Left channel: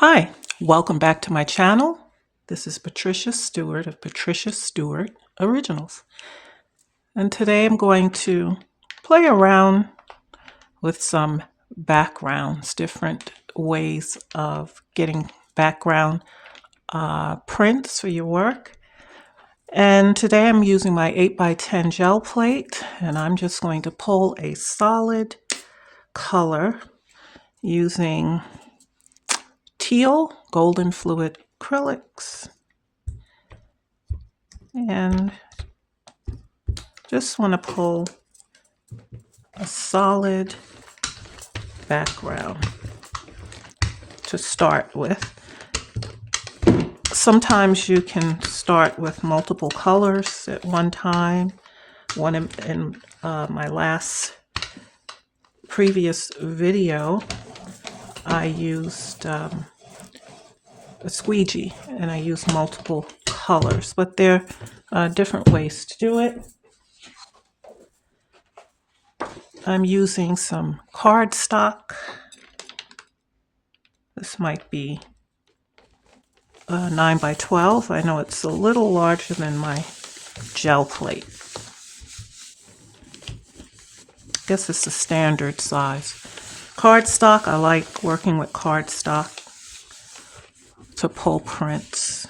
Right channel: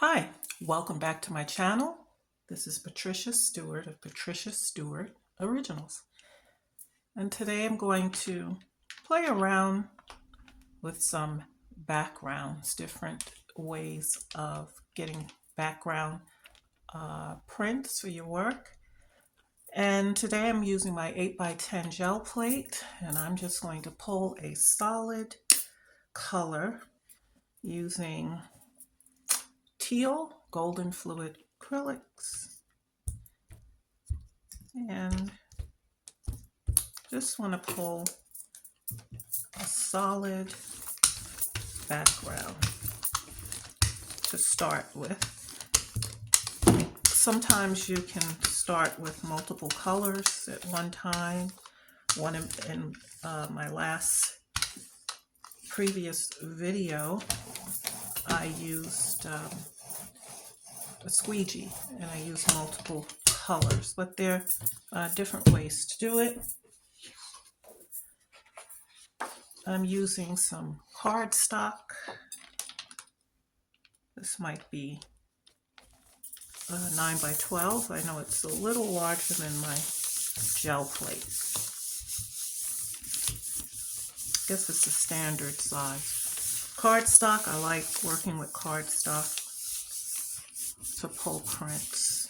Hi, welcome back to my channel. This is Patricia Stuart of Patricia Stuart Originals. And today I'm going to play around with some backgrounds, different ways of getting background prints for your work. And today I'm using my 8x10 gel plate, and I'm just going to pull a solid color using teal golden fluid acrylics, and just want to pull a solid background to start with. Sometimes you can start with multiple colors at one time. One in my previous video, I used a squeegee and I used multiple colors, but there are different ways to do it. I'm using some cardstock. This might be 9x12. I know it's a little larger than my gel plate. I guess it's the standard size. Cardstock, I like working with cardstock to pull prints.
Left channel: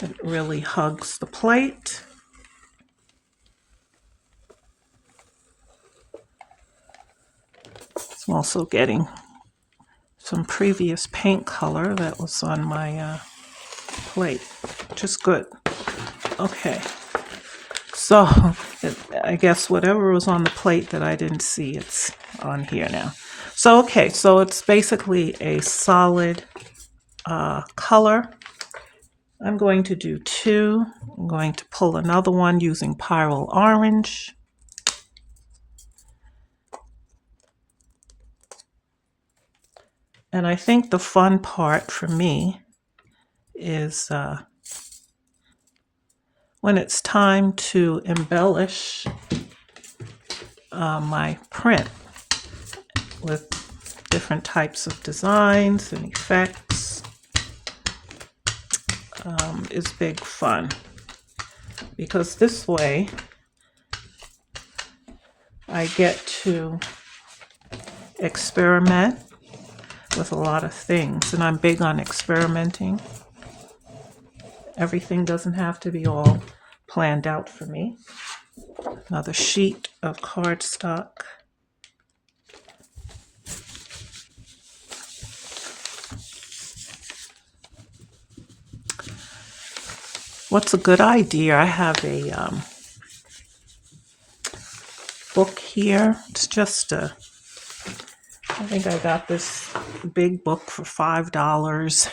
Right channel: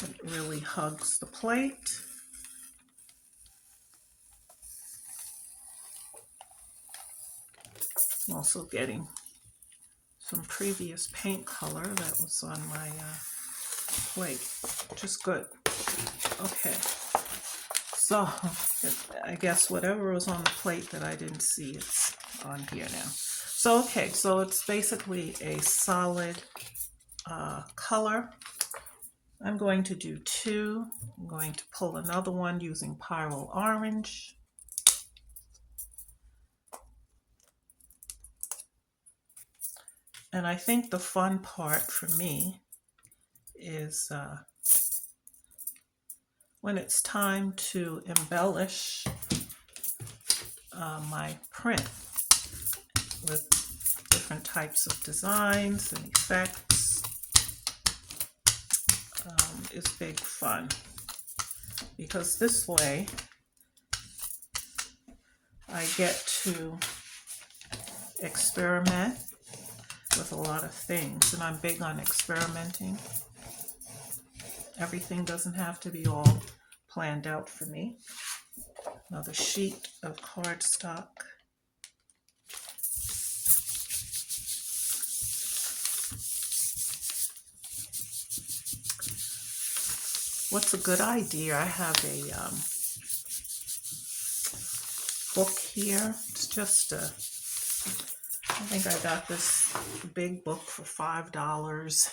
It really hugs the plate. I'm also getting some previous paint color that was on my plate, which is good. Okay, so I guess whatever was on the plate that I didn't see, it's on here now. So okay, so it's basically a solid color. I'm going to do two. I'm going to pull another one using Pyrrole Orange. And I think the fun part for me is when it's time to embellish my print with different types of designs and effects, is big fun, because this way I get to experiment with a lot of things, and I'm big on experimenting. Everything doesn't have to be all planned out for me. Another sheet of cardstock. What's a good idea? I have a book here. It's just I think I got this big book for $5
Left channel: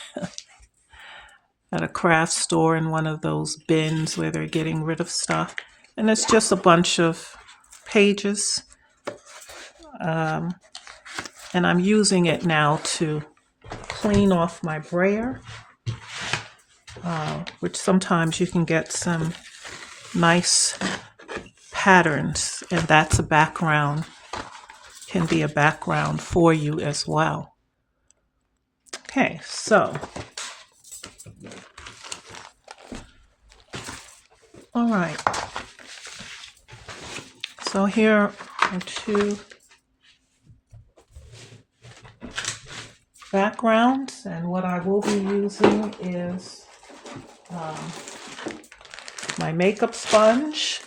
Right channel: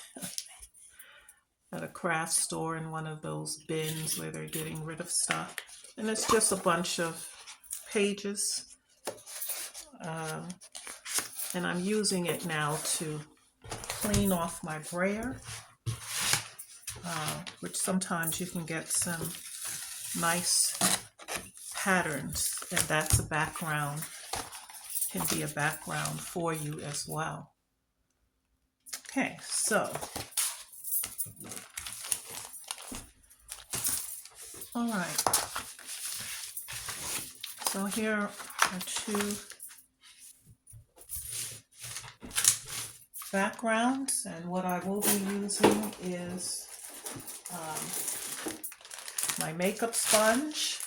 at a craft store in one of those bins where they're getting rid of stuff. And it's just a bunch of pages. And I'm using it now to clean off my brayer, which sometimes you can get some nice patterns, and that's a background, can be a background for you as well. Okay, so all right, so here are two backgrounds, and what I will be using is my makeup sponge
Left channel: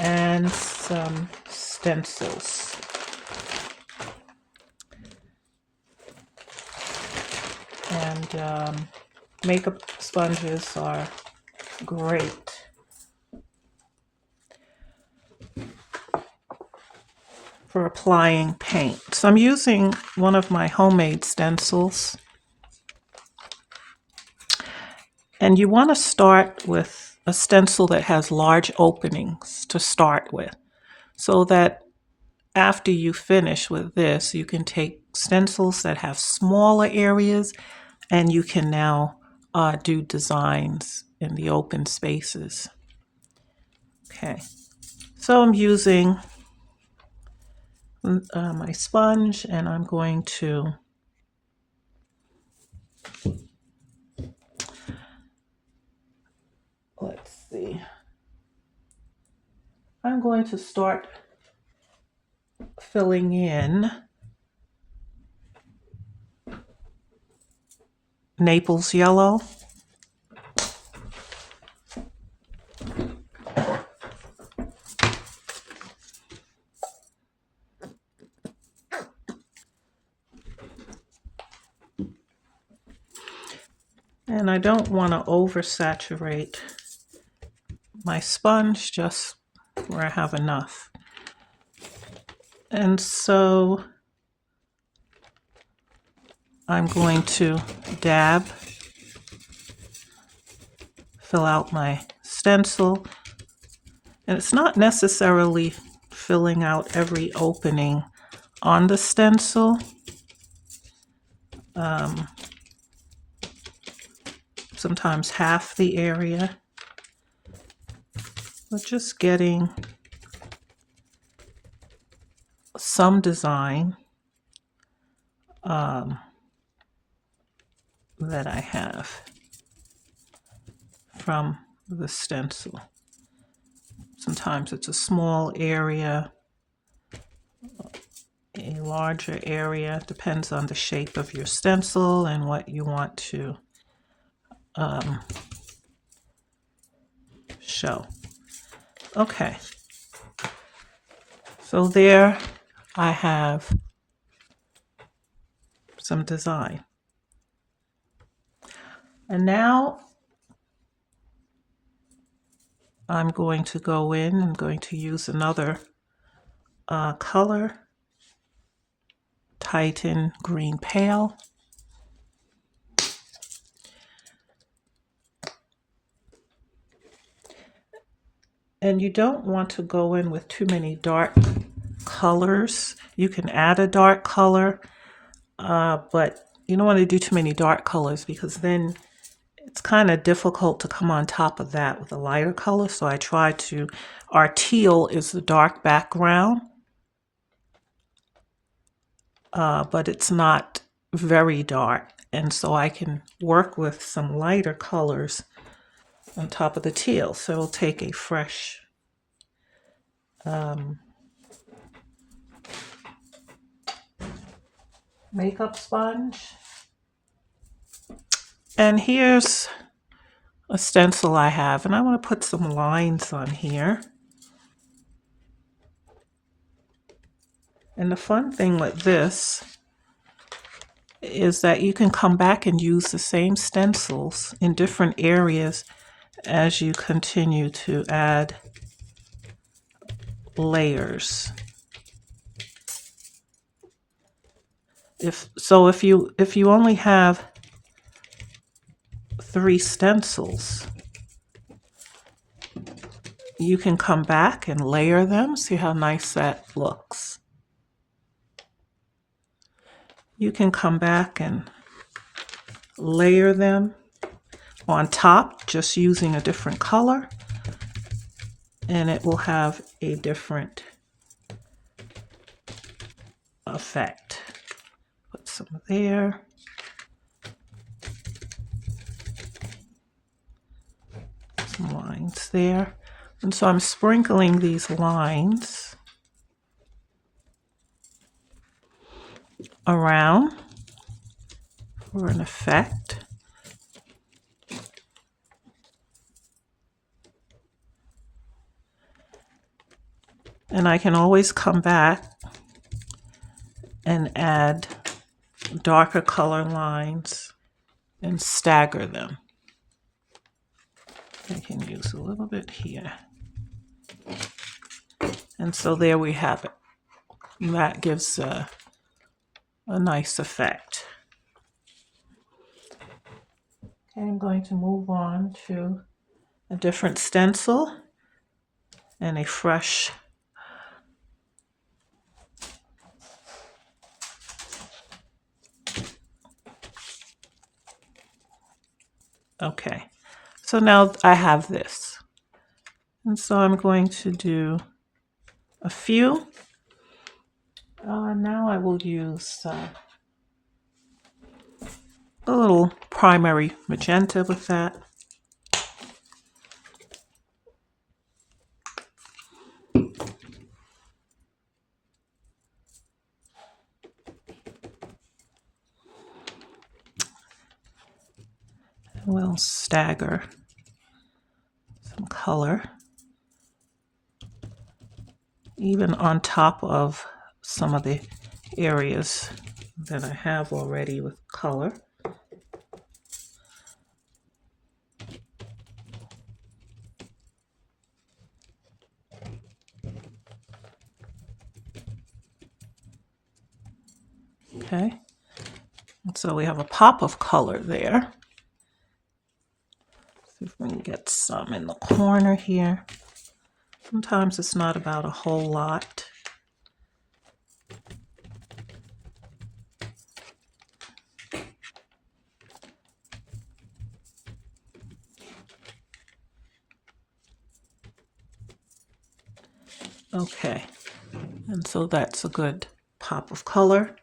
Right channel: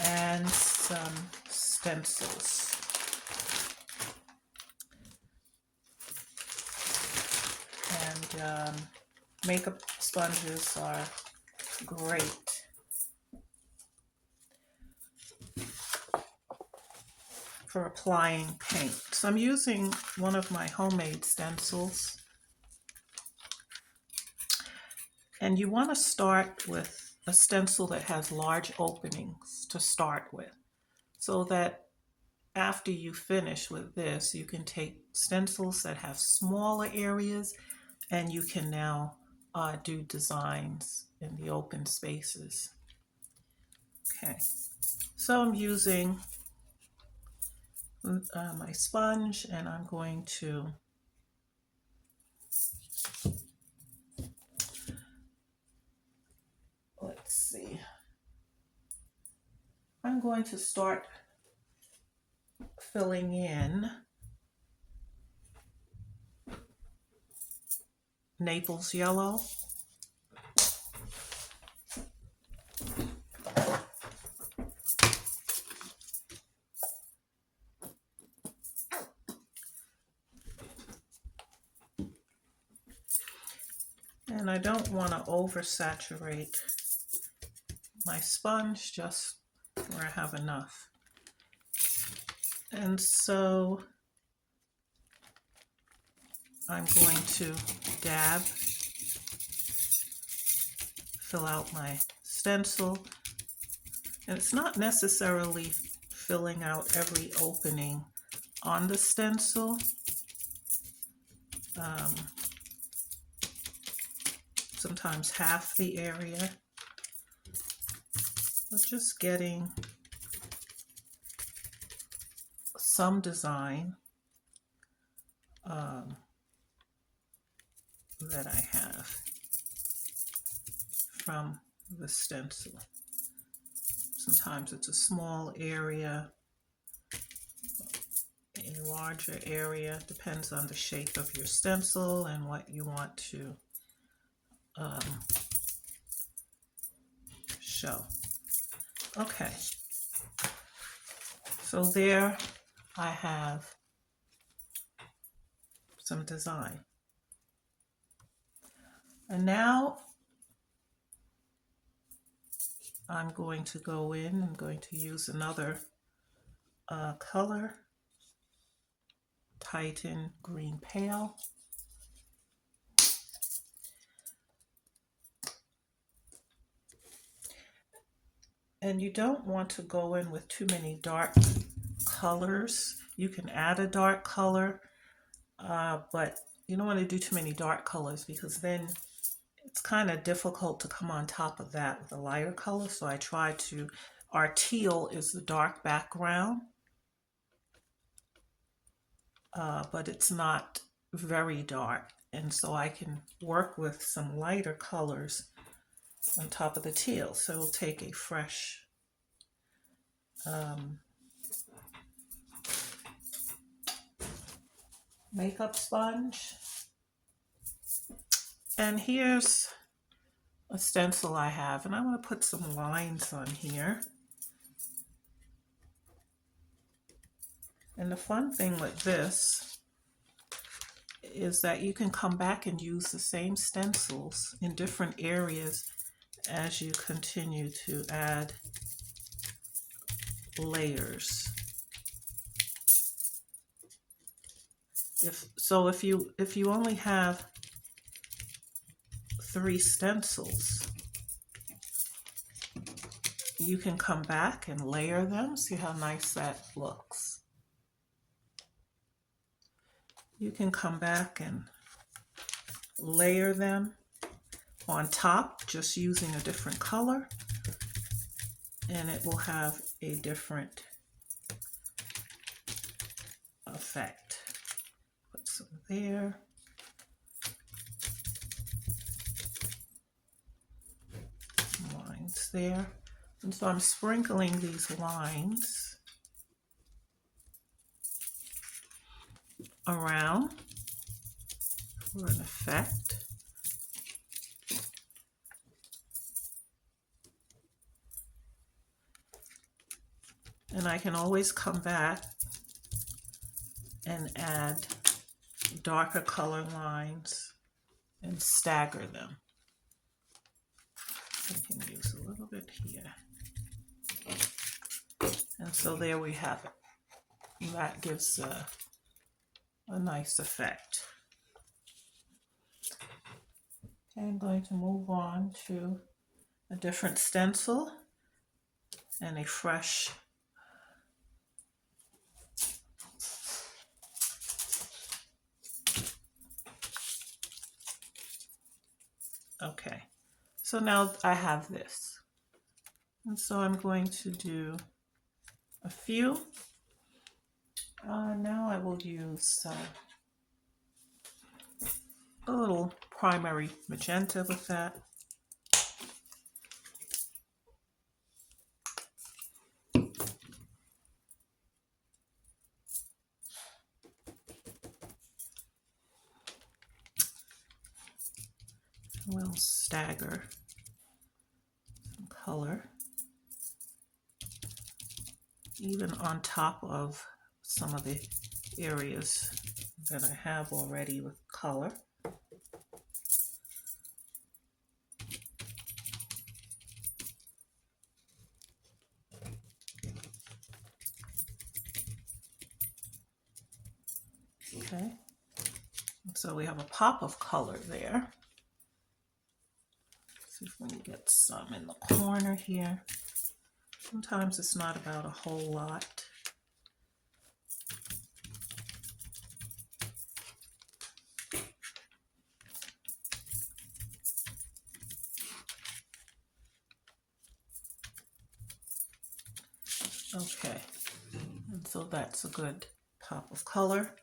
and some stencils. And makeup sponges are great for applying paint. So I'm using one of my homemade stencils. And you want to start with a stencil that has large openings to start with, so that after you finish with this, you can take stencils that have smaller areas and you can now do designs in the open spaces. Okay, so I'm using my sponge, and I'm going to let's see. I'm going to start filling in Naples yellow. And I don't want to oversaturate my sponge, just where I have enough. And so I'm going to dab, fill out my stencil. And it's not necessarily filling out every opening on the stencil. Sometimes half the area, but just getting some design that I have from the stencil. Sometimes it's a small area, a larger area, depends on the shape of your stencil and what you want to show. Okay, so there I have some design. And now I'm going to go in, I'm going to use another color, Titan Green Pale. And you don't want to go in with too many dark colors. You can add a dark color, but you don't want to do too many dark colors because then it's kind of difficult to come on top of that with a lighter color. So I try to, our teal is the dark background, but it's not very dark. And so I can work with some lighter colors on top of the teal. So it'll take a fresh makeup sponge. And here's a stencil I have, and I want to put some lines on here. And the fun thing with this is that you can come back and use the same stencils in different areas as you continue to add layers. If you only have 3 stencils, you can come back and layer them. See how nice that looks. You can come back and layer them on top just using a different color, and it will have a different effect. Put some there. Some lines there. And so I'm sprinkling these lines around for an effect. And I can always come back and add darker color lines and stagger them. I can use a little bit here. And so there we have it. That gives a nice effect. Okay, I'm going to move on to a different stencil and a fresh okay. So now I have this. And so I'm going to do a few. Now I will use a little primary magenta with that. We'll stagger some color even on top of some of the areas that I have already with color. Okay, and so we have a pop of color there. See if we can get some in the corner here. Sometimes it's not about a whole lot. Okay, and so that's a good pop of color.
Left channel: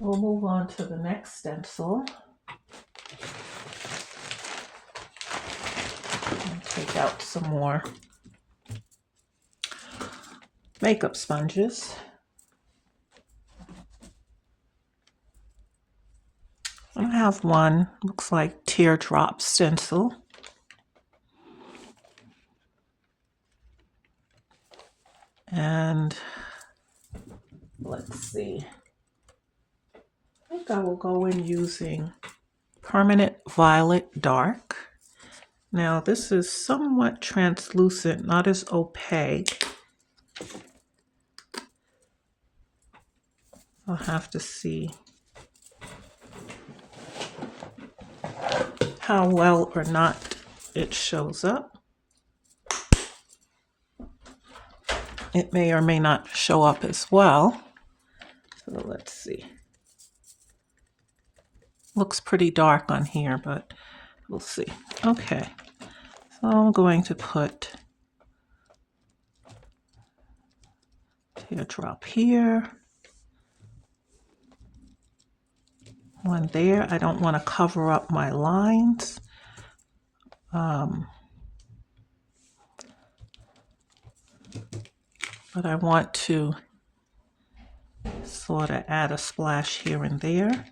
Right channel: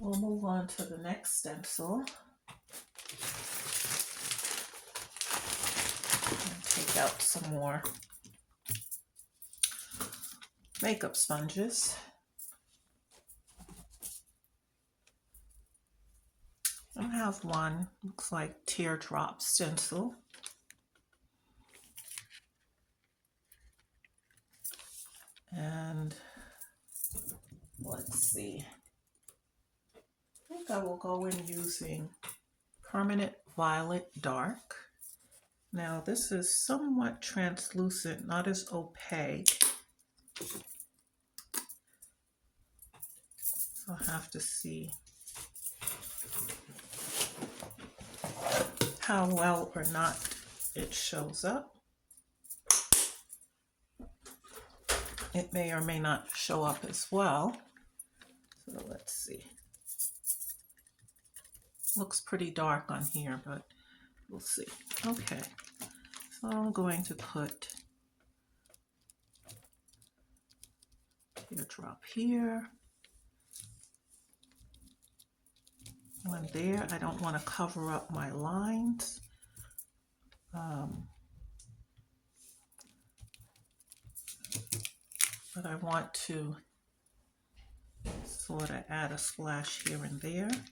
We'll move on to the next stencil. And take out some more makeup sponges. I have one, looks like teardrop stencil. And let's see. I think I will go in using Permanent Violet Dark. Now this is somewhat translucent, not as opaque. I'll have to see how well or not it shows up. It may or may not show up as well. So let's see. Looks pretty dark on here, but we'll see. Okay, so I'm going to put teardrop here. One there. I don't want to cover up my lines. But I want to sort of add a splash here and there.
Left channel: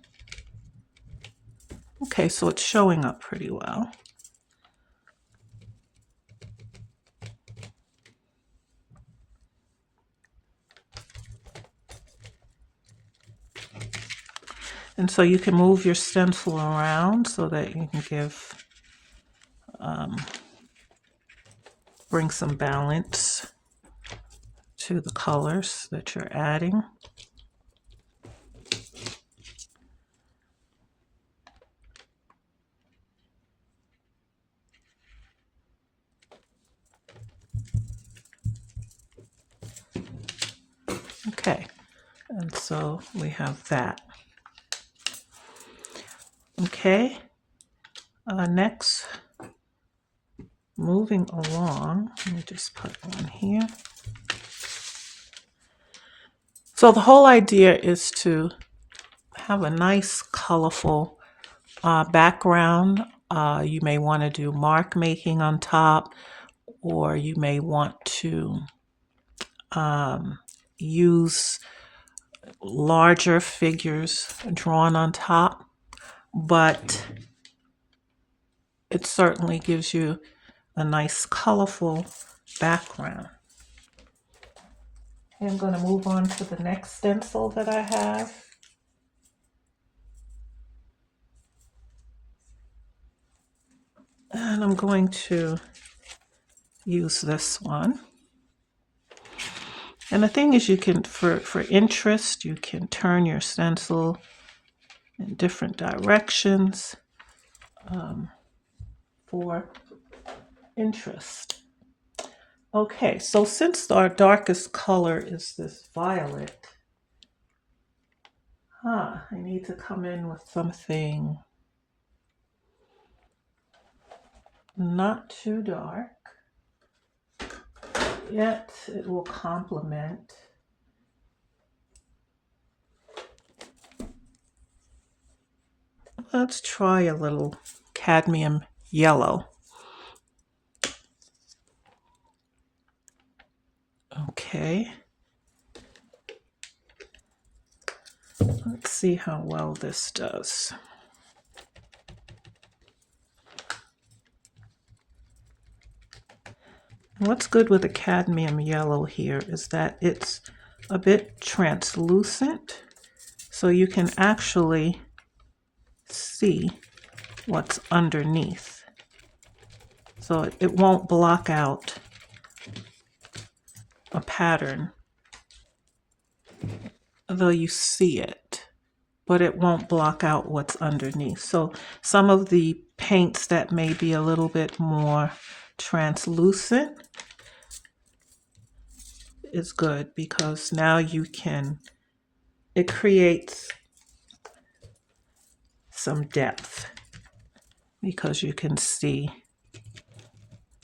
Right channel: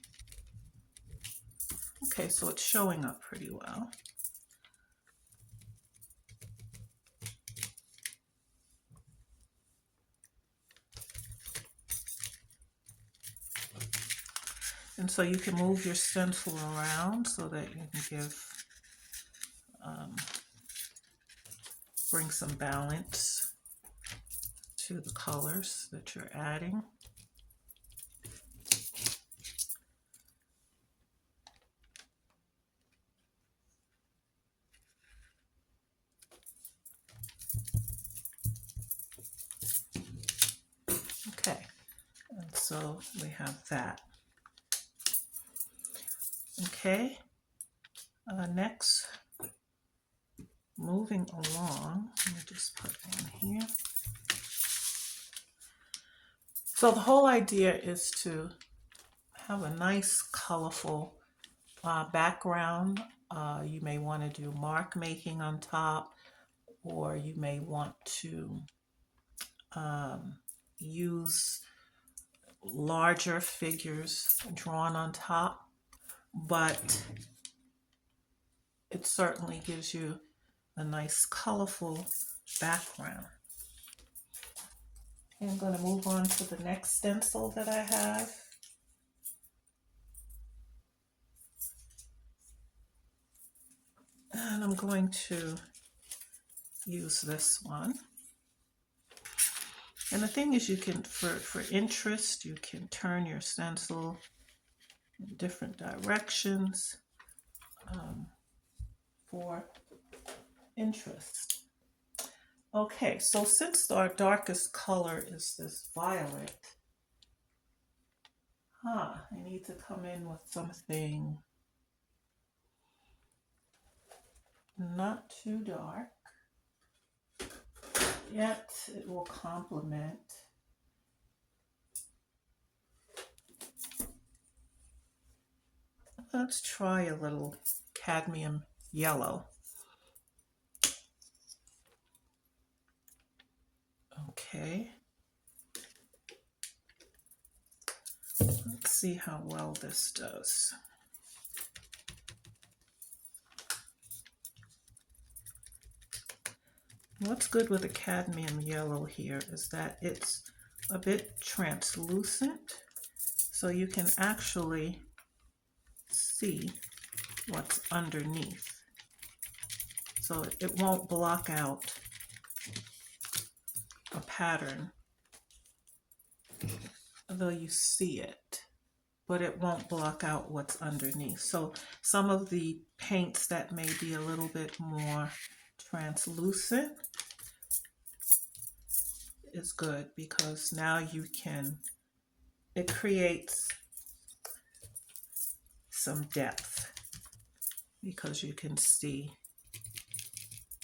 Okay, so it's showing up pretty well. And so you can move your stencil around so that you can give, bring some balance to the colors that you're adding. Okay, and so we have that. Okay, next, moving along, let me just put one here. So the whole idea is to have a nice, colorful background. You may want to do mark making on top, or you may want to use larger figures drawn on top, but it certainly gives you a nice, colorful background. I'm going to move on to the next stencil that I have. And I'm going to use this one. And the thing is, you can, for interest, you can turn your stencil in different directions for interest. Okay, so since our darkest color is this violet, I need to come in with something not too dark. yet it will complement. Let's try a little cadmium yellow. Okay. Let's see how well this does. What's good with the cadmium yellow here is that it's a bit translucent, so you can actually see what's underneath. So it won't block out a pattern, though you see it, but it won't block out what's underneath. So some of the paints that may be a little bit more translucent is good, because now you can, it creates some depth because you can see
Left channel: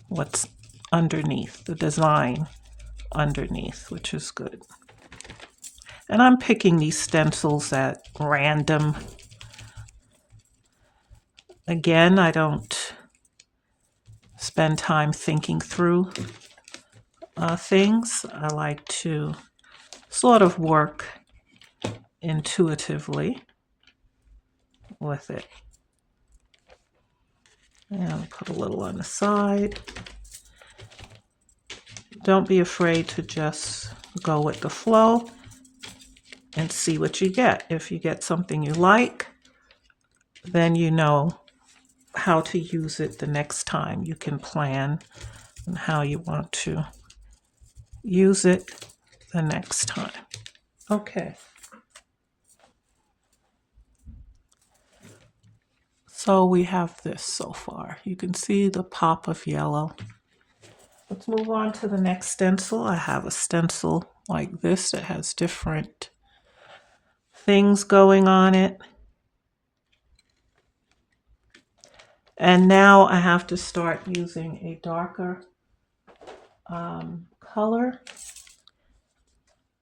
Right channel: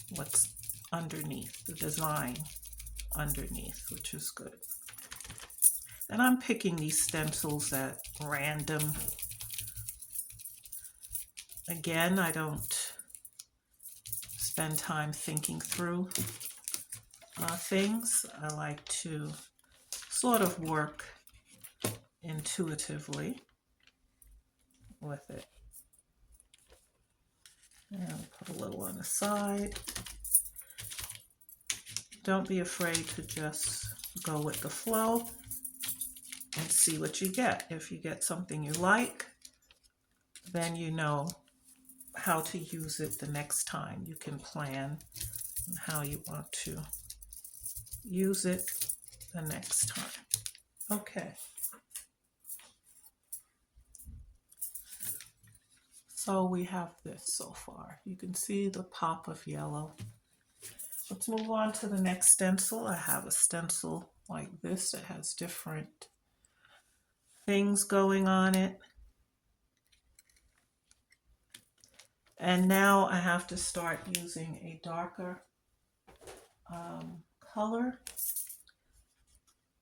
what's underneath, the design underneath, which is good. And I'm picking these stencils at random. Again, I don't spend time thinking through things. I like to sort of work intuitively with it. And I'll put a little on the side. Don't be afraid to just go with the flow and see what you get. If you get something you like, then you know how to use it the next time. You can plan on how you want to use it the next time. Okay. So we have this so far. You can see the pop of yellow. Let's move on to the next stencil. I have a stencil like this that has different things going on it. And now I have to start using a darker color.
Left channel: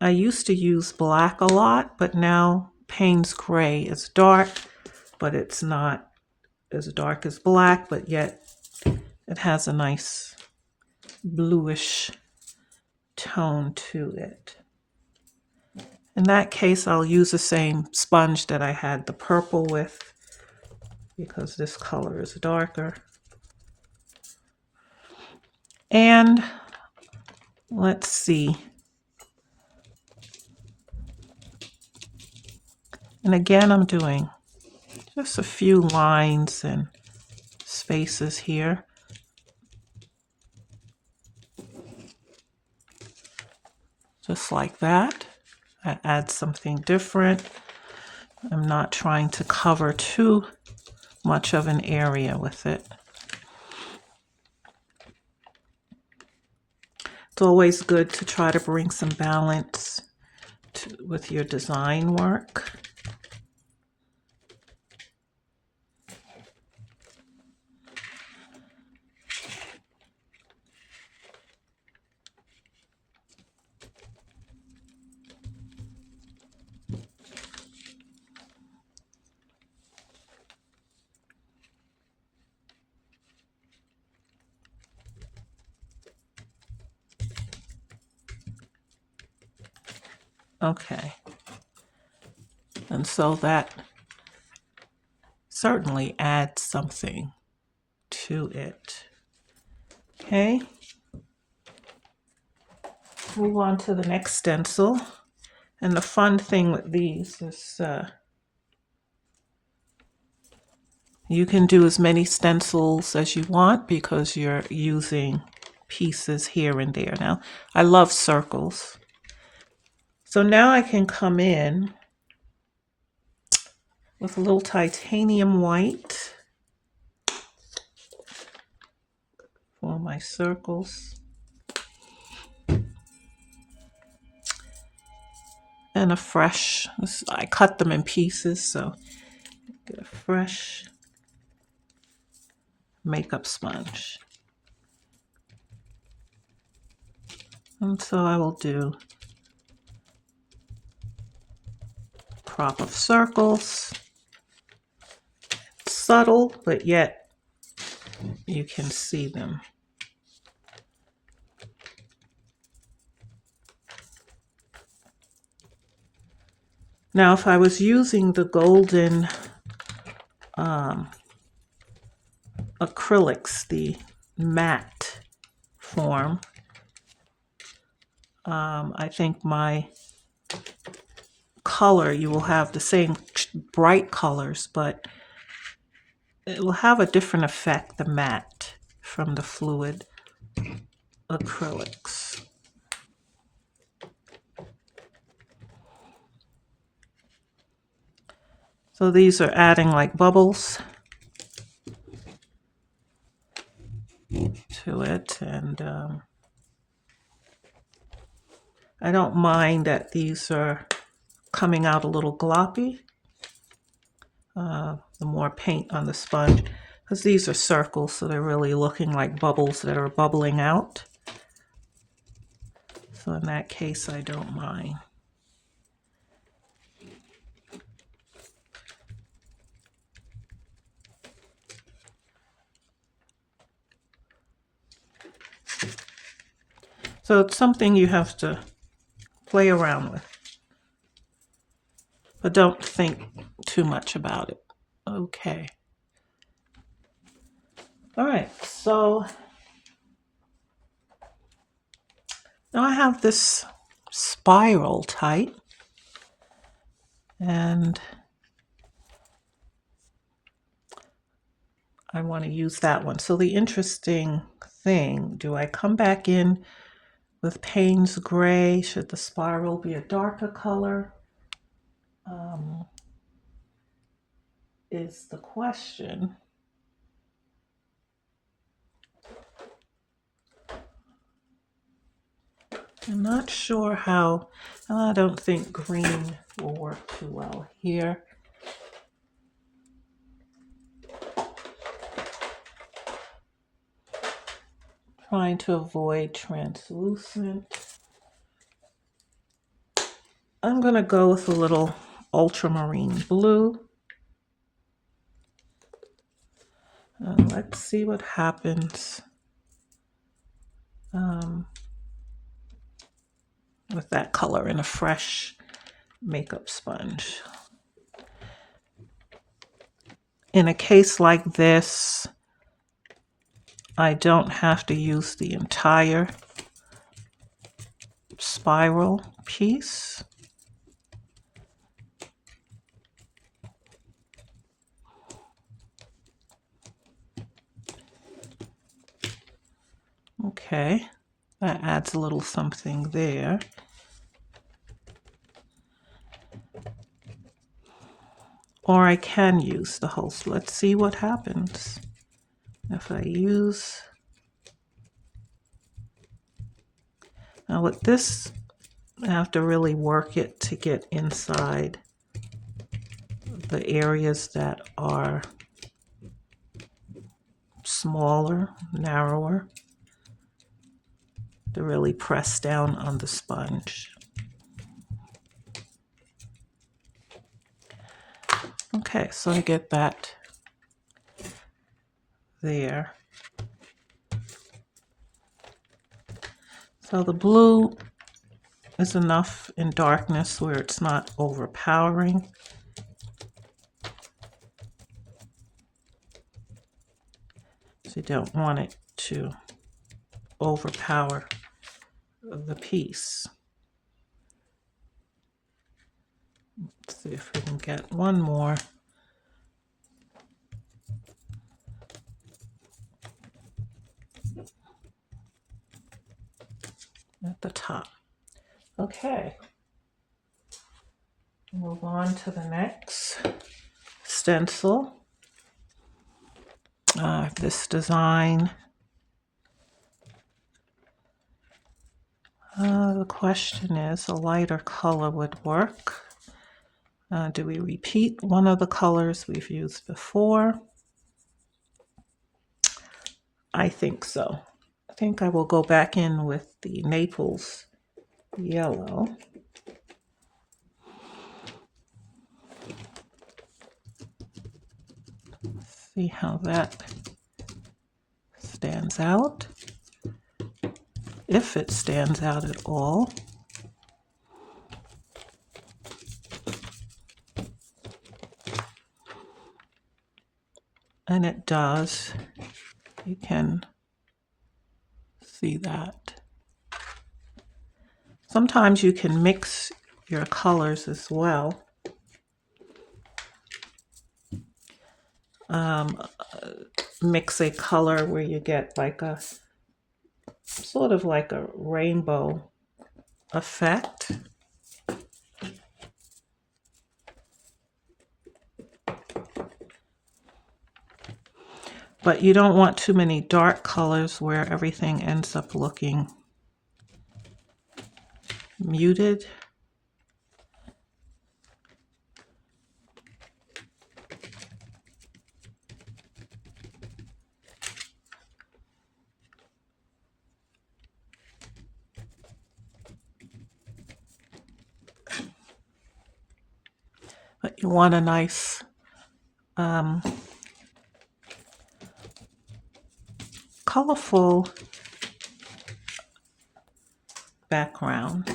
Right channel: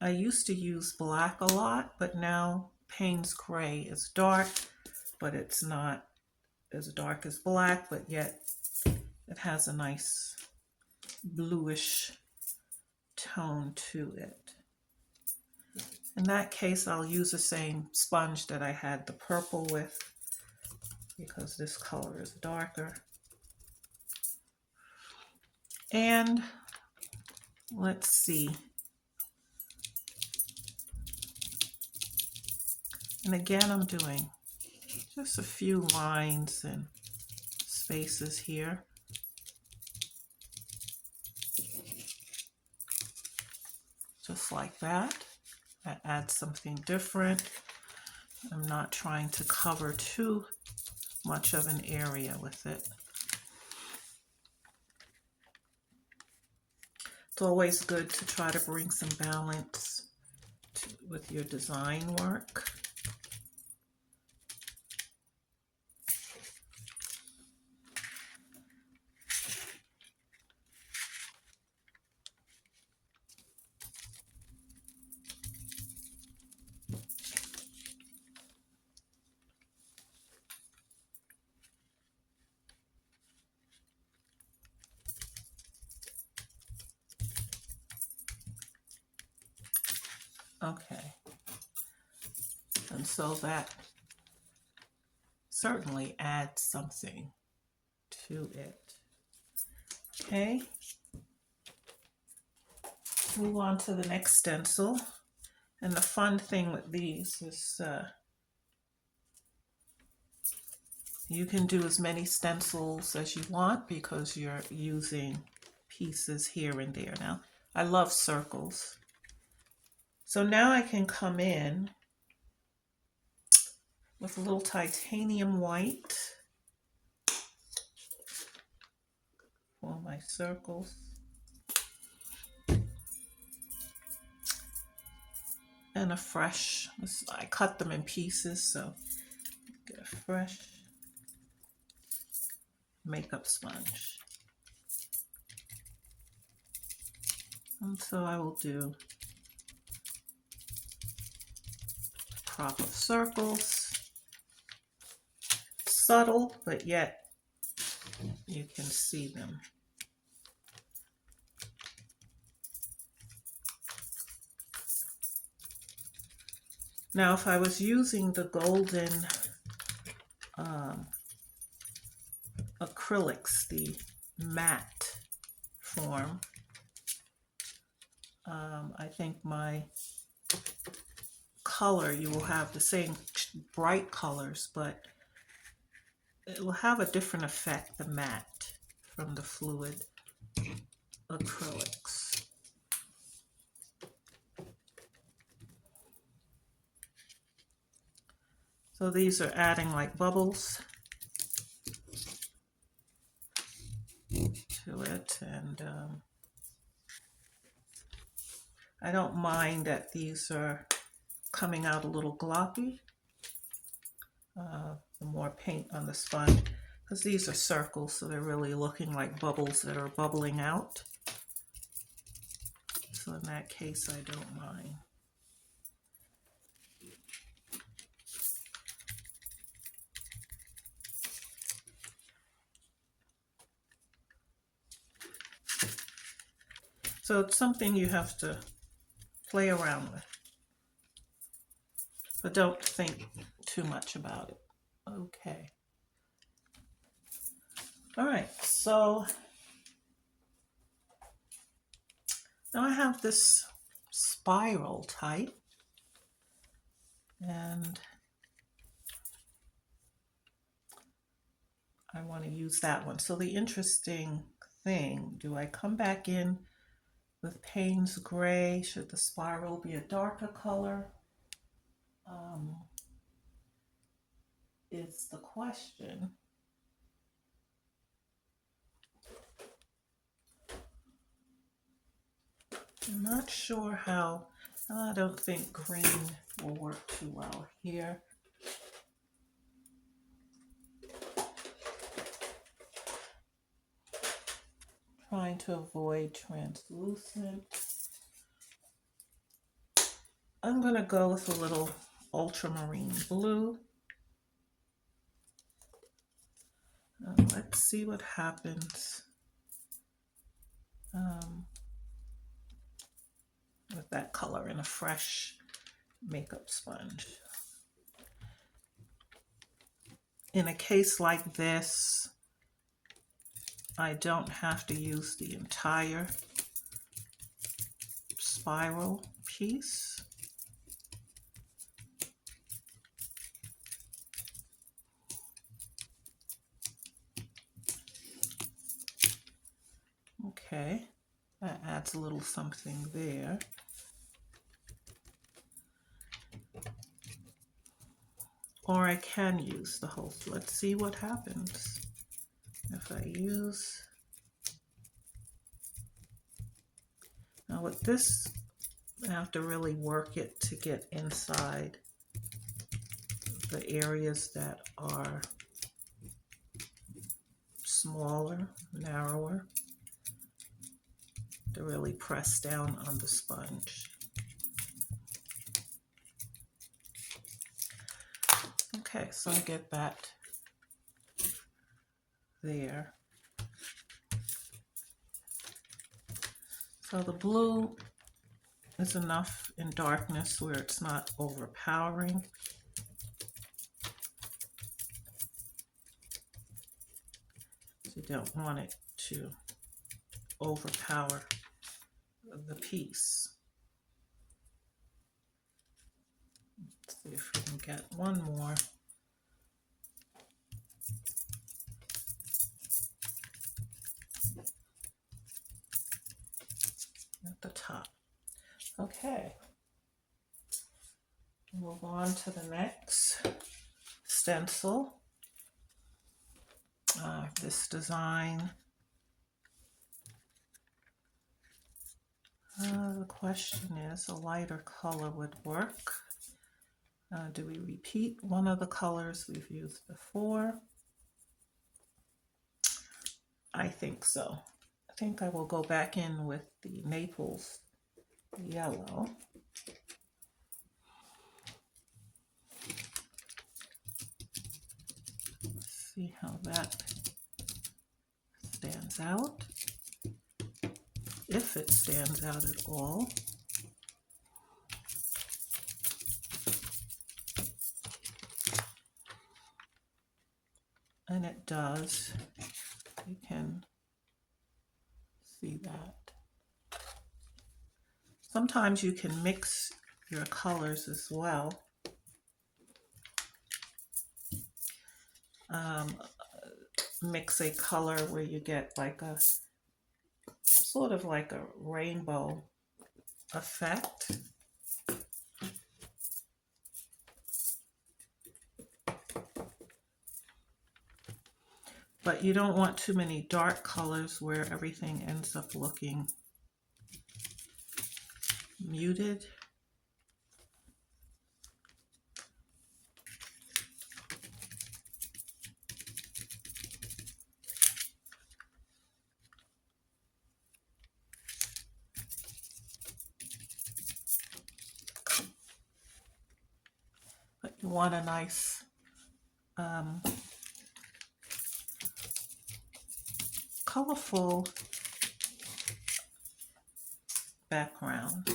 I used to use black a lot, but now Payne's Gray is dark, but it's not as dark as black, but yet it has a nice bluish tone to it. In that case, I'll use the same sponge that I had the purple with, because this color is darker. And let's see. And again, I'm doing just a few lines and spaces here. Just like that. I add something different. I'm not trying to cover too much of an area with it. It's always good to try to bring some balance with your design work. Okay. And so that certainly adds something to it. Okay. Move on to the next stencil. And the fun thing with these is you can do as many stencils as you want because you're using pieces here and there. Now, I love circles. So now I can come in with a little titanium white for my circles. And a fresh, I cut them in pieces, so get a fresh makeup sponge. And so I will do a crop of circles. Subtle, but yet you can see them. Now, if I was using the golden acrylics, the matte form, I think my color, you will have the same bright colors, but it will have a different effect, the matte from the fluid acrylics. So these are adding like bubbles to it, and I don't mind that these are coming out a little gloppy. The more paint on the sponge, because these are circles, so they're really looking like bubbles that are bubbling out. So in that case, I don't mind. So it's something you have to play around with, but don't think too much about it. Okay. All right, so now I have this spiral type, and I want to use that one. So the interesting thing, do I come back in with Payne's Gray? Should the spiral be a darker color? Is the question. I'm not sure how, I don't think green will work too well here. Trying to avoid translucent. I'm going to go with a little ultramarine blue. Let's see what happens with that color in a fresh makeup sponge. In a case like this, I don't have to use the entire spiral piece. Okay, that adds a little something there. Or I can use the whole, let's see what happens if I use. Now with this, I have to really work it to get inside the areas that are smaller, narrower, to really press down on the sponge. Okay, so I get that there. So the blue is enough in darkness where it's not overpowering. So you don't want it to overpower the piece. Let's see if we can get one more. At the top. Okay. Move on to the next stencil. This design. The question is, a lighter color would work. Do we repeat one of the colors we've used before? I think so. I think I will go back in with the Naples yellow. See how that stands out, if it stands out at all. And it does. You can see that. Sometimes you can mix your colors as well. Mix a color where you get like a sort of like a rainbow effect. But you don't want too many dark colors where everything ends up looking muted. But you want a nice colorful background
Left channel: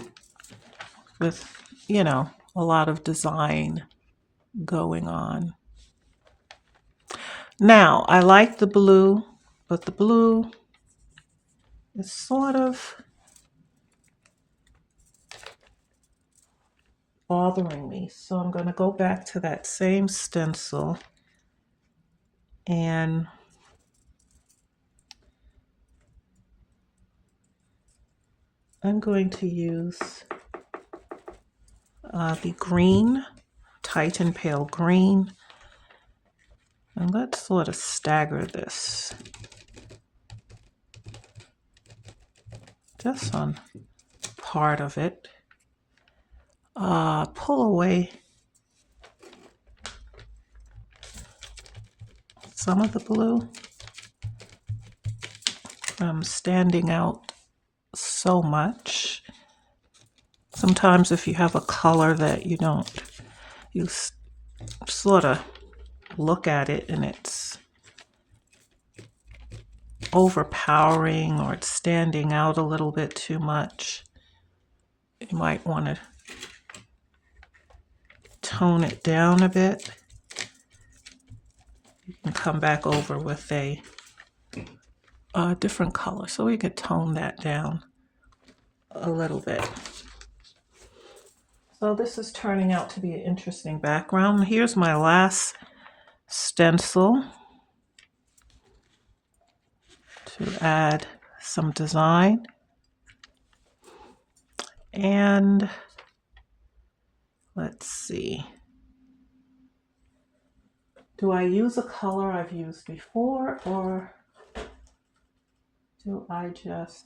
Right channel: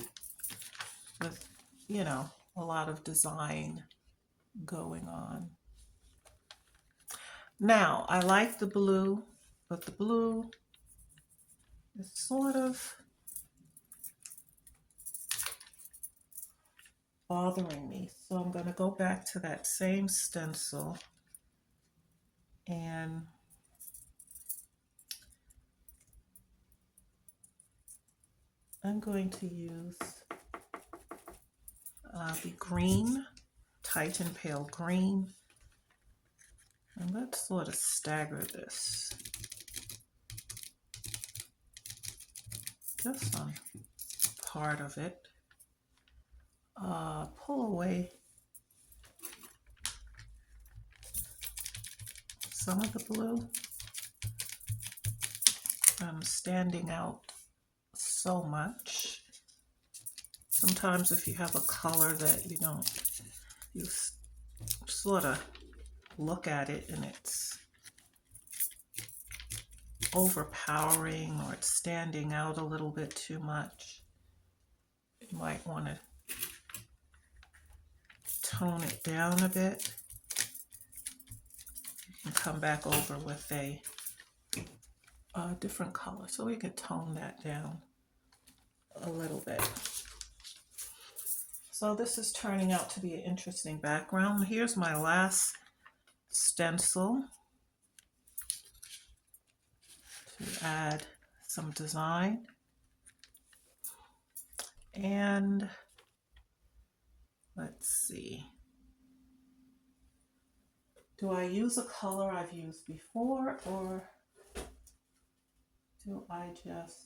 with, you know, a lot of design going on. Now, I like the blue, but the blue is sort of bothering me. So I'm going to go back to that same stencil and I'm going to use the green, Titan Pale Green. And let's sort of stagger this just on part of it. Pull away some of the blue. I'm standing out so much. Sometimes if you have a color that you don't, you sort of look at it and it's overpowering or it's standing out a little bit too much, you might want to tone it down a bit. You can come back over with a different color so we could tone that down a little bit. So this is turning out to be an interesting background. Here's my last stencil to add some design. And let's see. Do I use a color I've used before or do I just...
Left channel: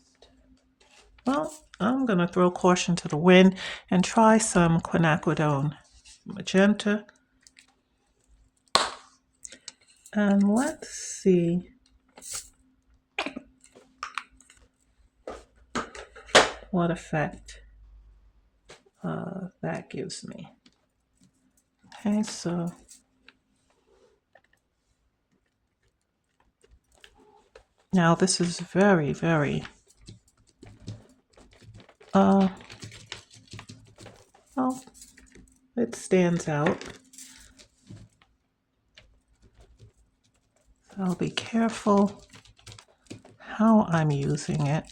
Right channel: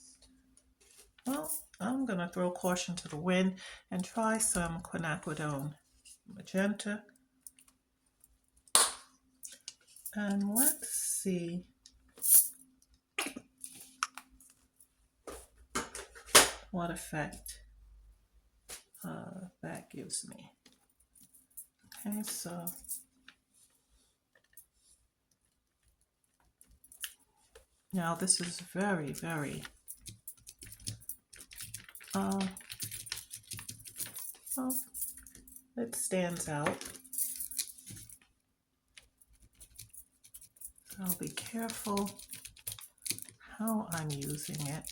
Well, I'm going to throw caution to the wind and try some quinacridone magenta. And let's see what effect that gives me. Okay, so now this is very, very well, it stands out. So I'll be careful how I'm using it.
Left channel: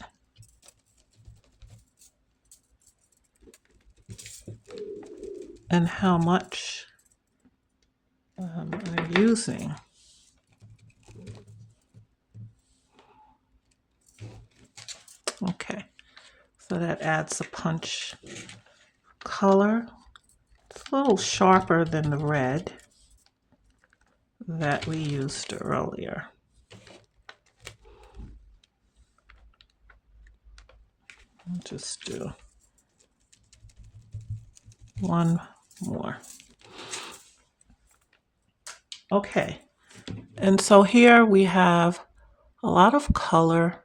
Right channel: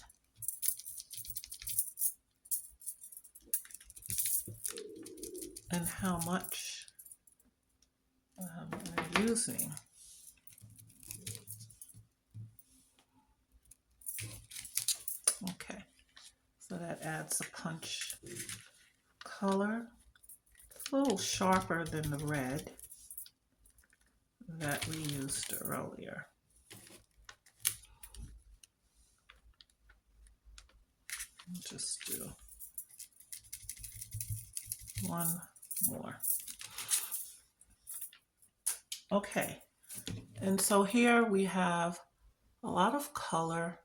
And how much I'm using. Okay, so that adds a punch color. It's a little sharper than the red that we used earlier. I'll just do one more. Okay, and so here we have a lot of color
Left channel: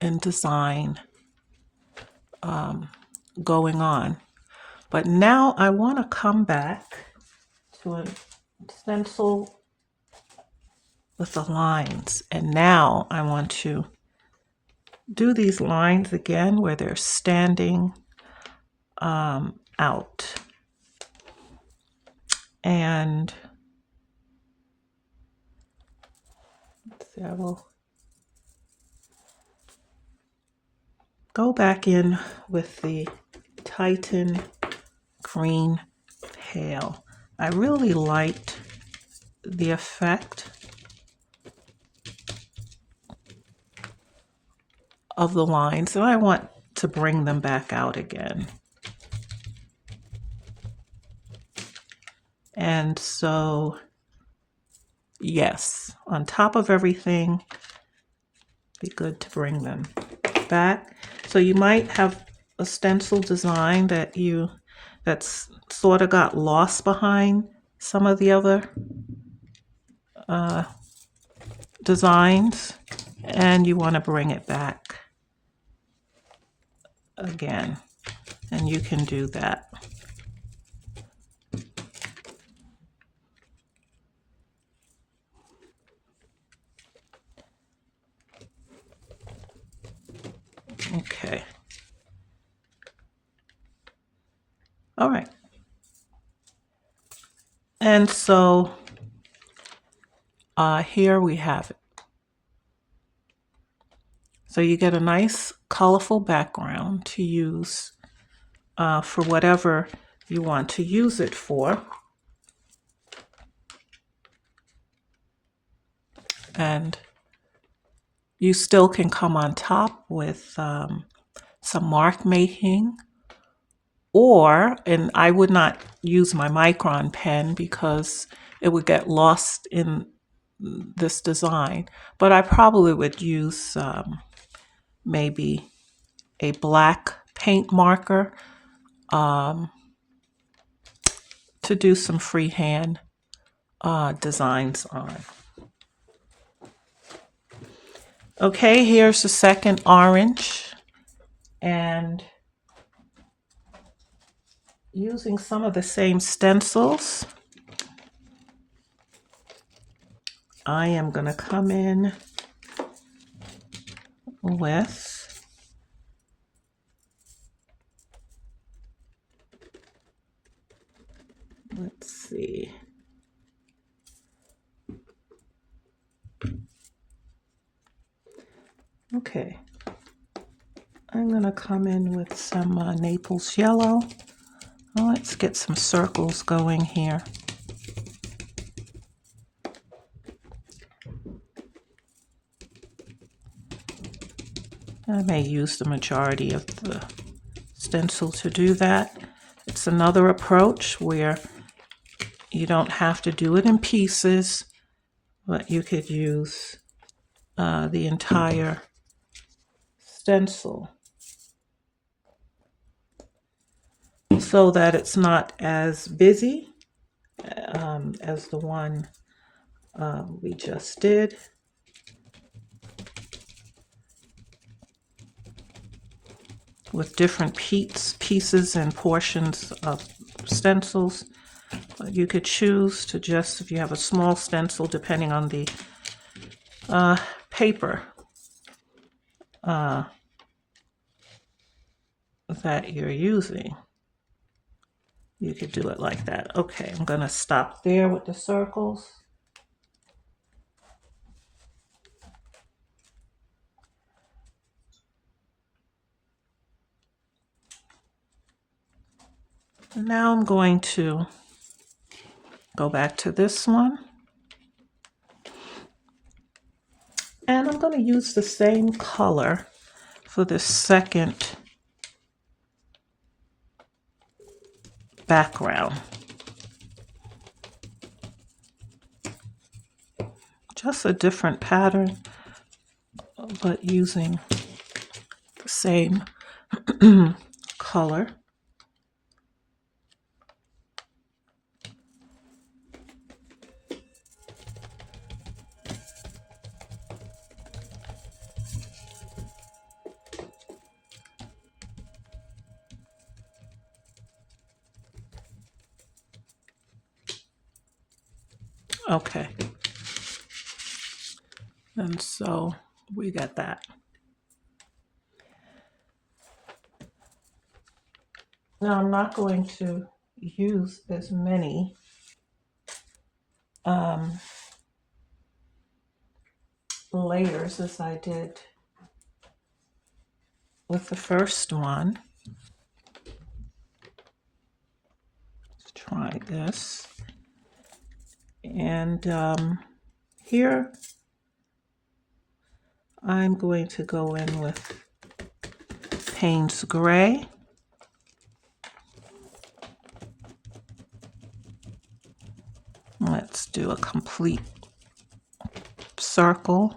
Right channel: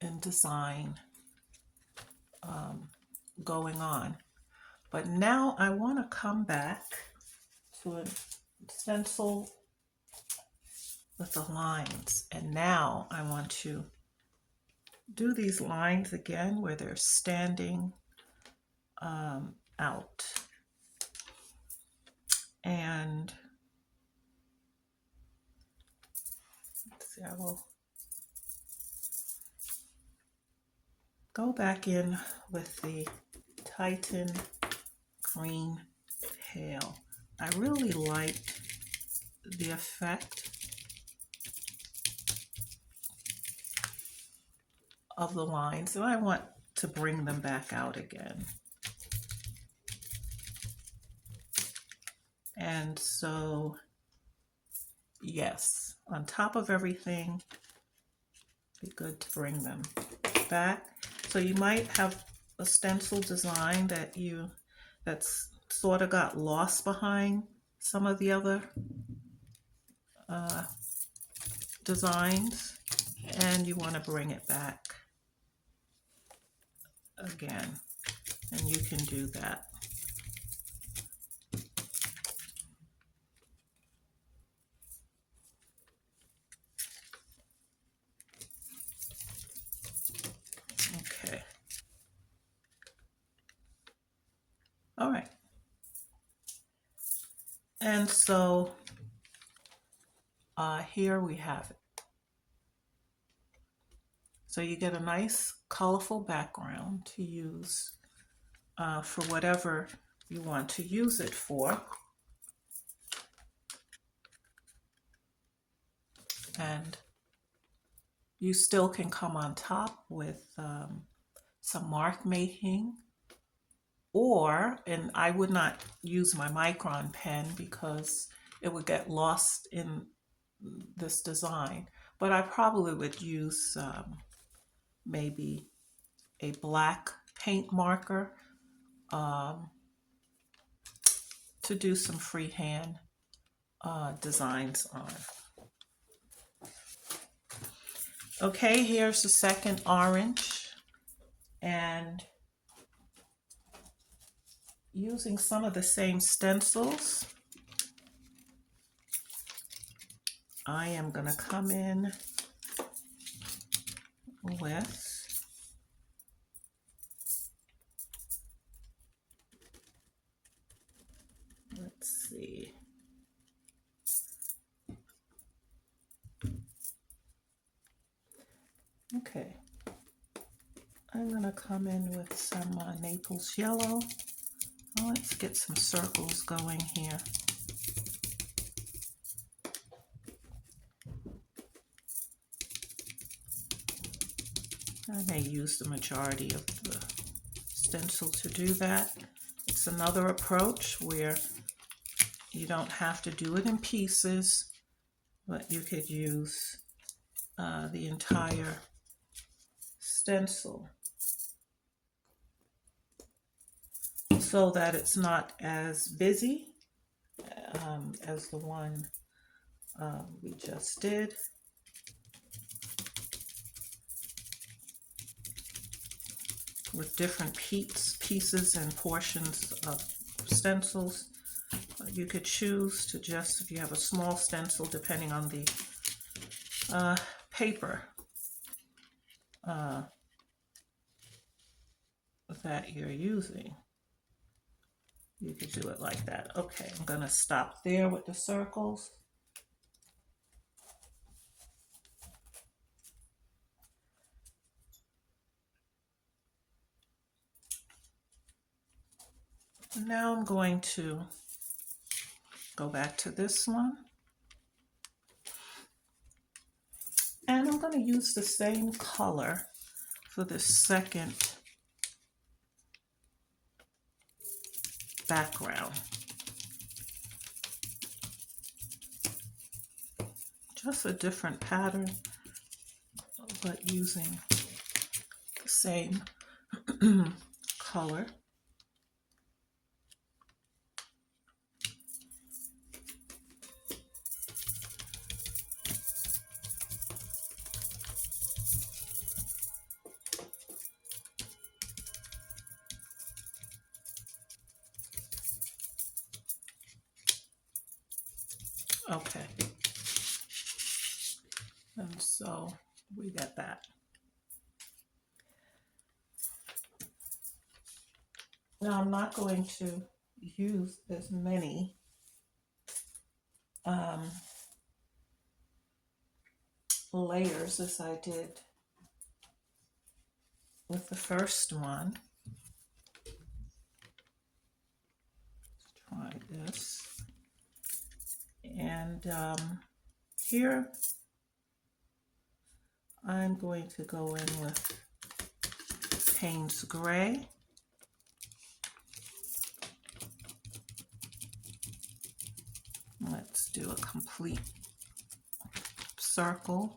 and design going on. But now I want to come back to a stencil with the lines. And now I want to do these lines again where they're standing out. And let's see, I will go back in with the Titan Green Pale. I really liked the effect of the lines, and I want to bring them back out again. And so, yes, on top of everything, be good to bring them back. So you might have a stencil design that's sort of got lost behind some of the other designs, and you want to bring it back again, and you can do that. Okay. All right. And so here we have it. So you get a nice colorful background to use for whatever you want to use it for. And you still can come on top with some mark making, and I would not use my micron pen because it would get lost in this design, but I probably would use maybe a black paint marker to do some freehand designs on. Okay, here's the second orange, and using some of the same stencils, I am going to come in with let's see. Okay, I'm going to come in with some Naples yellow. Well, let's get some circles going here. I may use the majority of the stencil to do that. It's another approach where you don't have to do it in pieces, but you could use the entire stencil so that it's not as busy as the one we just did. With different pieces and portions of stencils. You could choose to just, if you have a small stencil, depending on the paper that you're using, you could do it like that. Okay, I'm going to stop there with the circles. Now I'm going to go back to this one. And I'm going to use the same color for the second background. Just a different pattern, but using the same color. Okay. And so we got that. Now I'm not going to use as many layers as I did with the first one. Let's try this. And here I'm going to go in with Payne's Gray. Let's do a complete circle.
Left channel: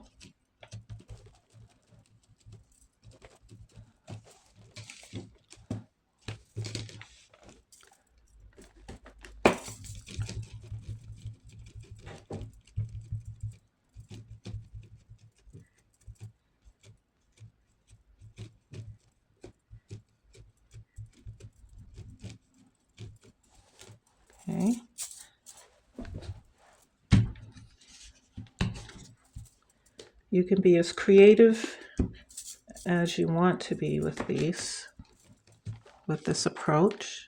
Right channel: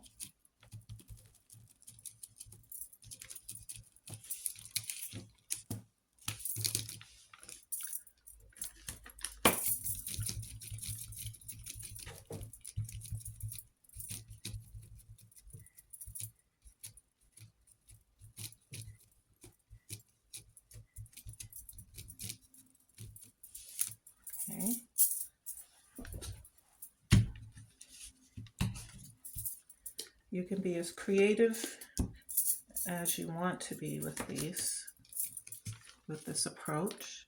Okay. You can be as creative as you want to be with these, with this approach.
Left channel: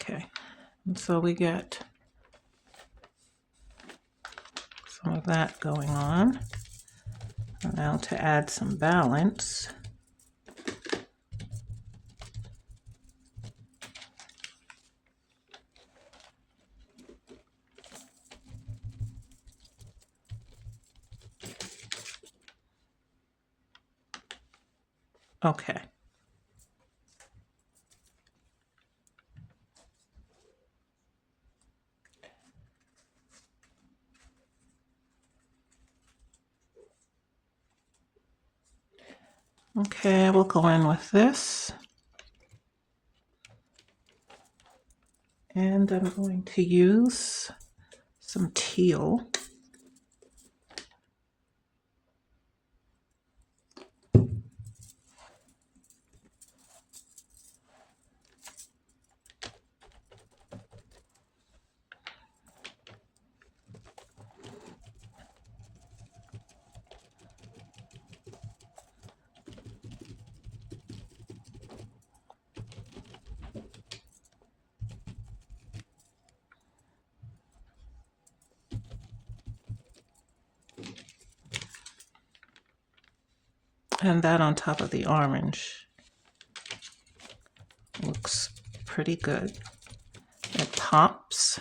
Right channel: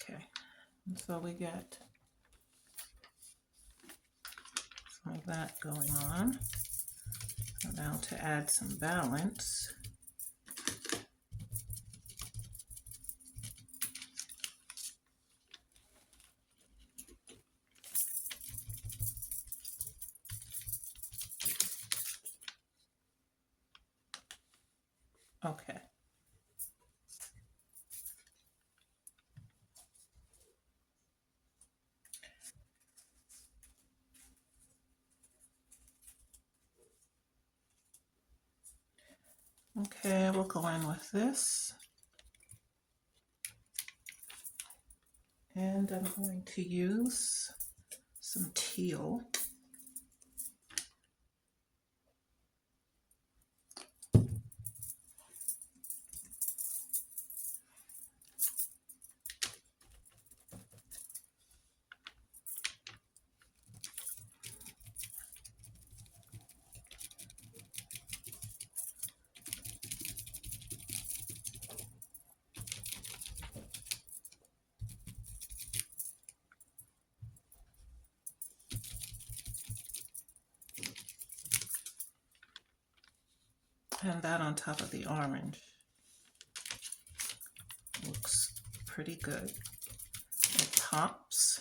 Okay, and so we get some of that going on. And now to add some balance. Okay. Okay, we'll go in with this. And I'm going to use some teal. And that on top of the orange looks pretty good. It pops.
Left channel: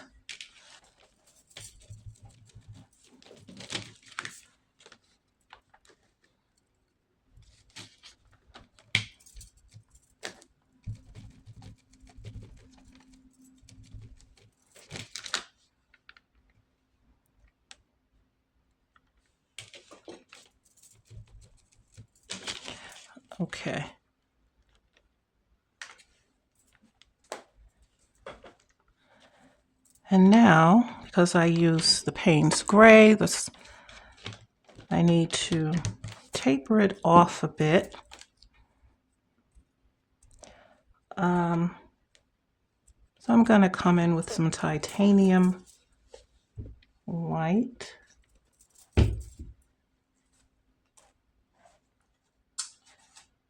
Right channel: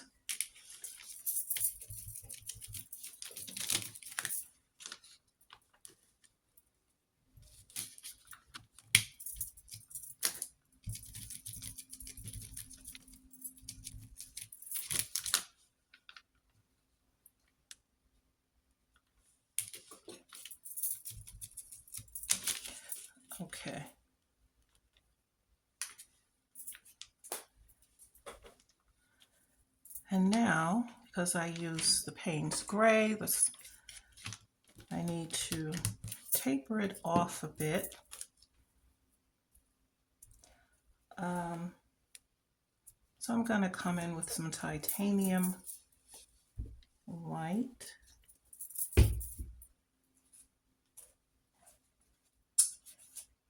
Okay. And now, because I use the Payne's Gray, I need to taper it off a bit. So I'm going to come in with some titanium white.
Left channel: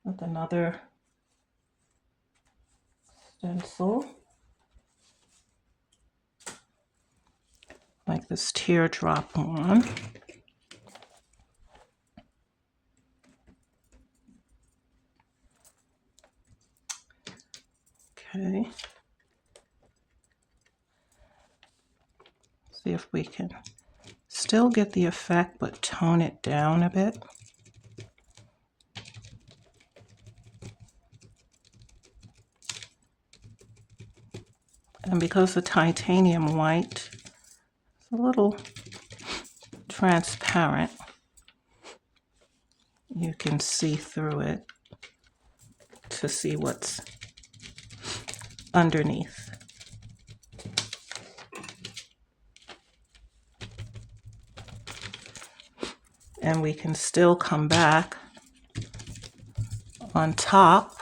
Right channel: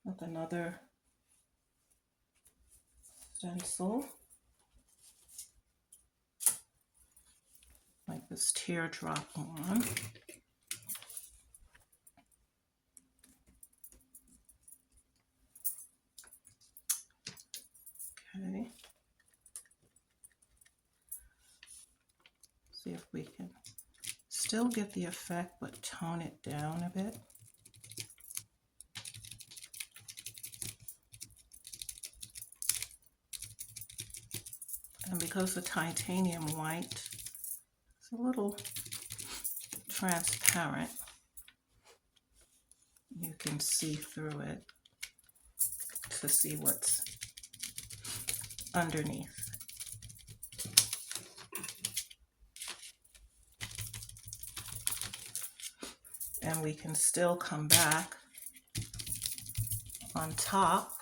With another stencil. Like this teardrop one. Okay. See if we can still get the effect, but tone it down a bit. And because the titanium white is a little transparent, you can see through it to see what's underneath. And we can still come back on top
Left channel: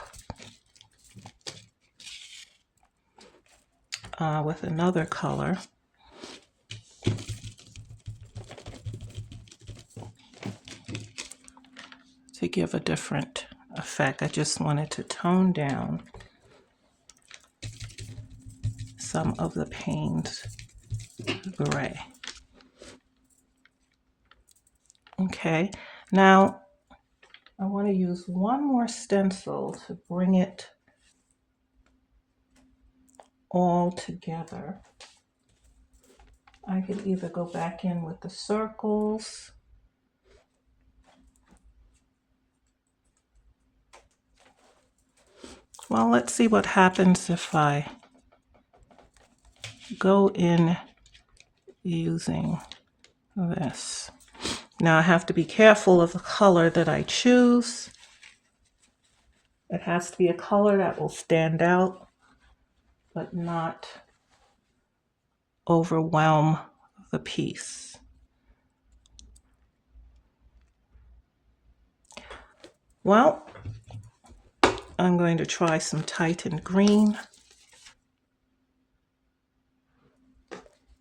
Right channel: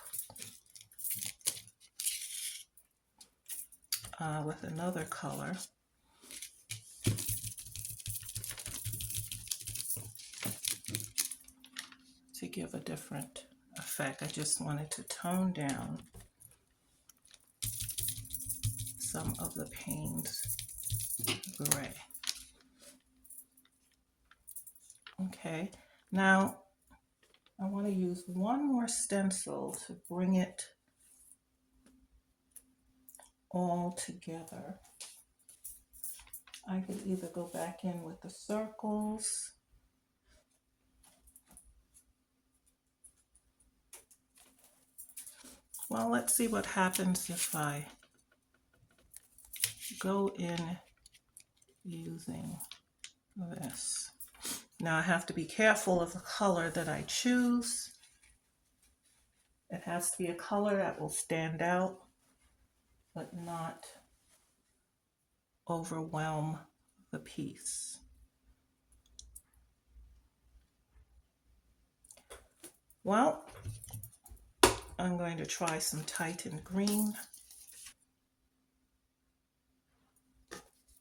with another color. To give a different effect. I just wanted to tone down some of the Payne's gray. Okay, now I want to use one more stencil to bring it all together. I could either go back in with the circles Well, let's see what happens if I go in using this. Now I have to be careful of the color that I choose. It has to be a color that will stand out, but not overwhelm the piece. Well, I'm going to try some Titan green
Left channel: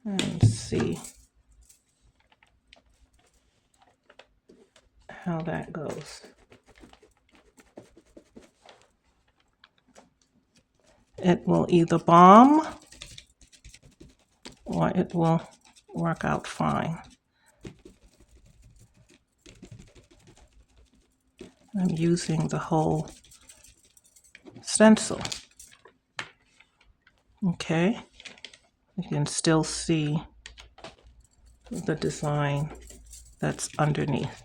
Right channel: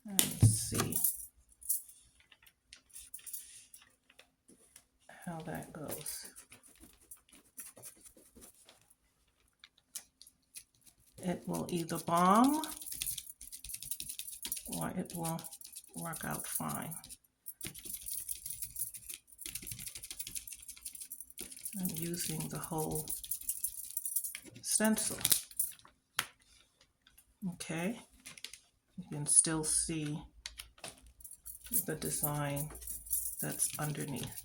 and see how that goes. It will either bomb or it will work out fine. I'm using the whole stencil. Okay, you can still see the design that's underneath.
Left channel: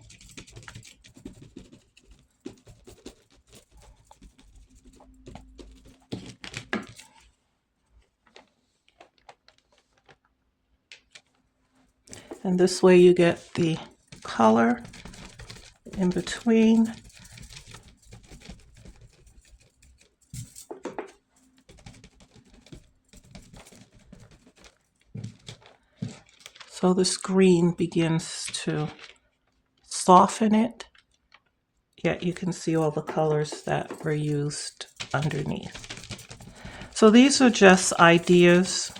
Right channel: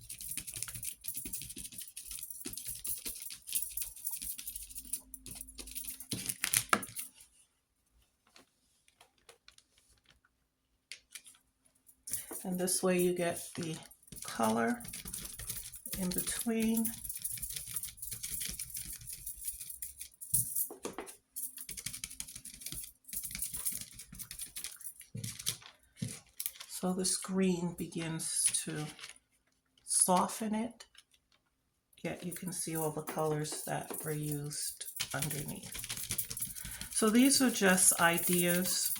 And this way you get the color in between. So this green begins to soften it, yet you can see all the colors that were used underneath. So these are just ideas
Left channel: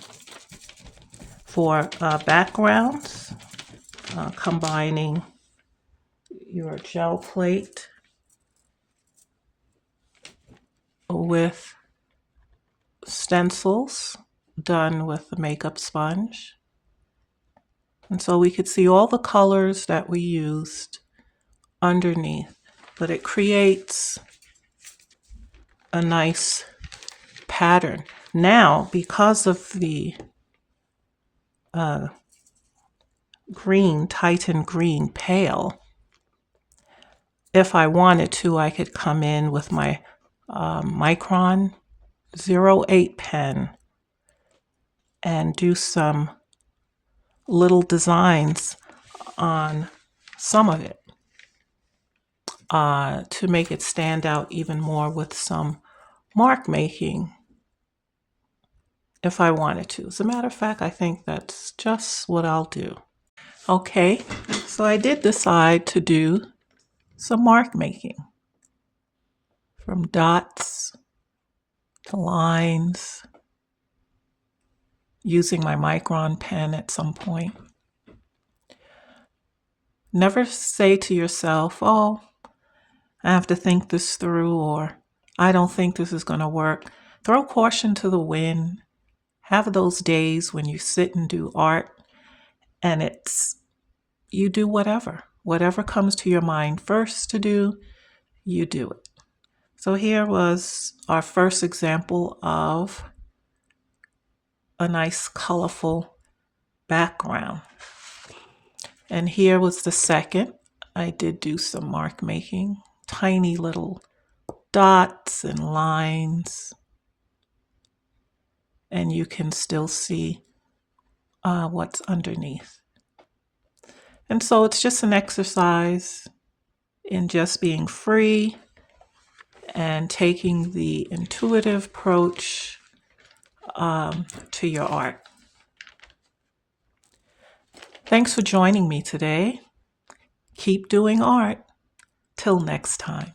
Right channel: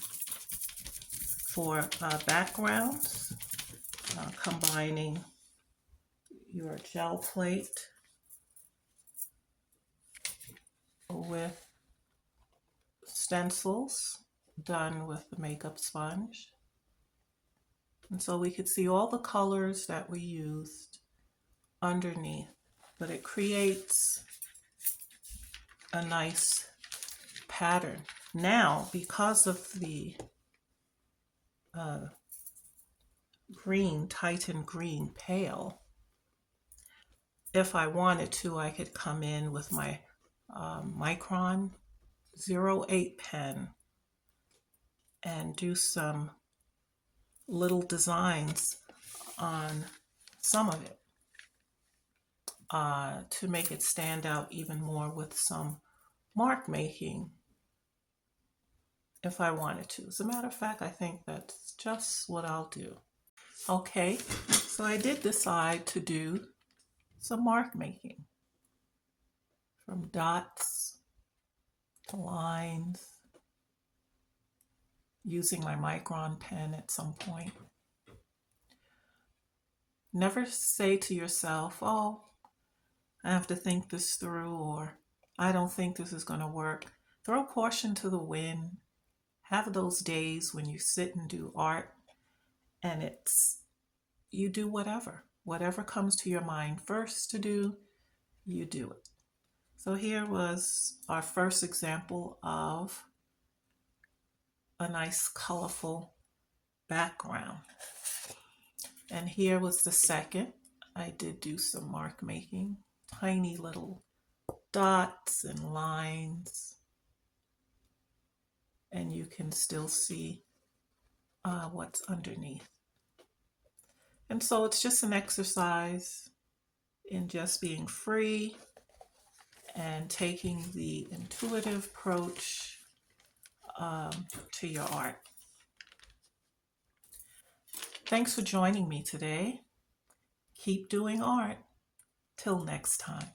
for backgrounds, combining your gel plate with stencils done with the makeup sponge. And so we could see all the colors that we used underneath, but it creates a nice pattern. Now, because of the green, Titan green pale, if I wanted to, I could come in with my Micron 08 pen and do some little designs on some of it to make it stand out even more with some mark making if I wanted to. As a matter of fact, I think that's just what I'll do. Okay, so I did decide to do some mark making, from dots to lines, using my Micron pen at some point. Never say to yourself, oh, I have to think this through, or I don't think this is going to work. Throw caution to the wind. Have those days when you sit and do art and you do whatever comes to your mind first to do, you do it. So here was our first example of a nice colorful background. And here was the second. I did do some mark making, tiny little dots and lines. And you can still see what's underneath. And so it's just an exercise in just being free and taking the intuitive approach to your art. Thanks for joining me today. Keep doing art. Till next time.